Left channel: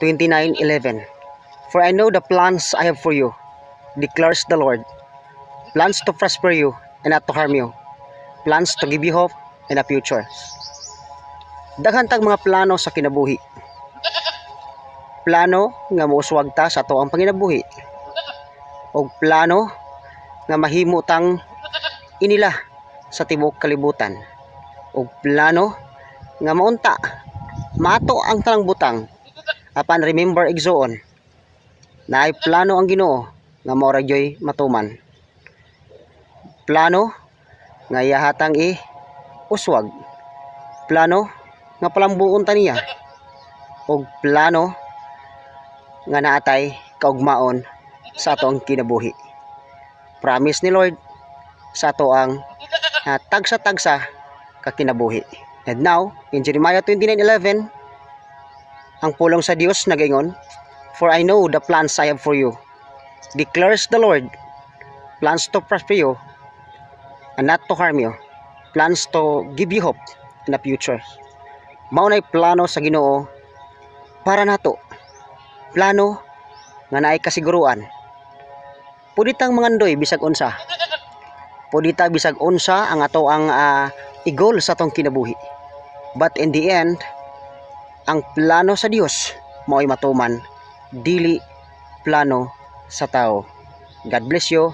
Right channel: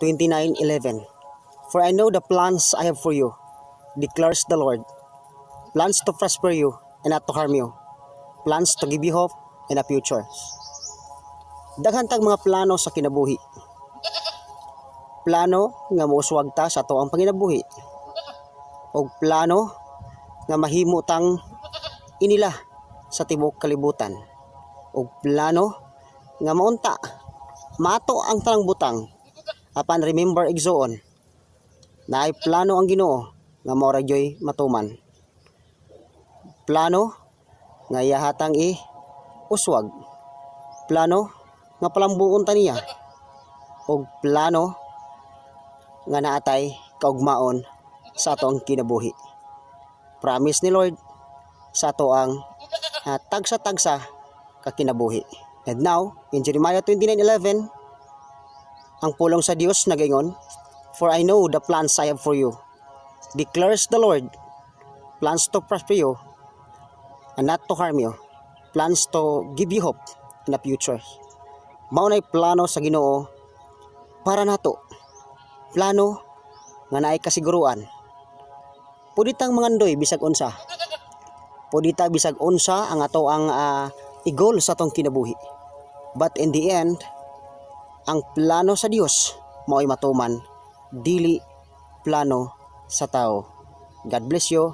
29:11. For I know the plans I have for you, declares the Lord. Plans to prosper you and not to harm you. Plans to give you hope and a future. Daghan tag mga plano sa kinabuhi. Plano nga mouswag ta sa ato ang panginabuhi. O plano nga mahimo tang inila sa tibok kalibutan. O plano nga maunta maato ang tanang butang apan remember igsoon na ay plano ang Ginoo nga mao ra gyoy matuman. Plano nga iyahatang uswag. Plano nga palambuon ta niya. Og plano nga naatay kaugmaon sa ato ang kinabuhi. Promise ni Lord sa ato ang tagsa-tagsa ka kinabuhi. And now, in Jeremiah 29:11, ang pulong sa Dios nagaingon, for I know the plans I have for you, declares the Lord, plans to prosper you and not to harm you, plans to give you hope in the future. Mao nay plano sa Ginoo para nato. Plano nga naay kasiguruan. Pwede tang mangandoy bisag unsa. Pwede ta bisag unsa ang ato ang i-goal sa atong kinabuhi. But in the end, ang plano sa Dios mao'y matuman, dili plano sa tao. God bless you.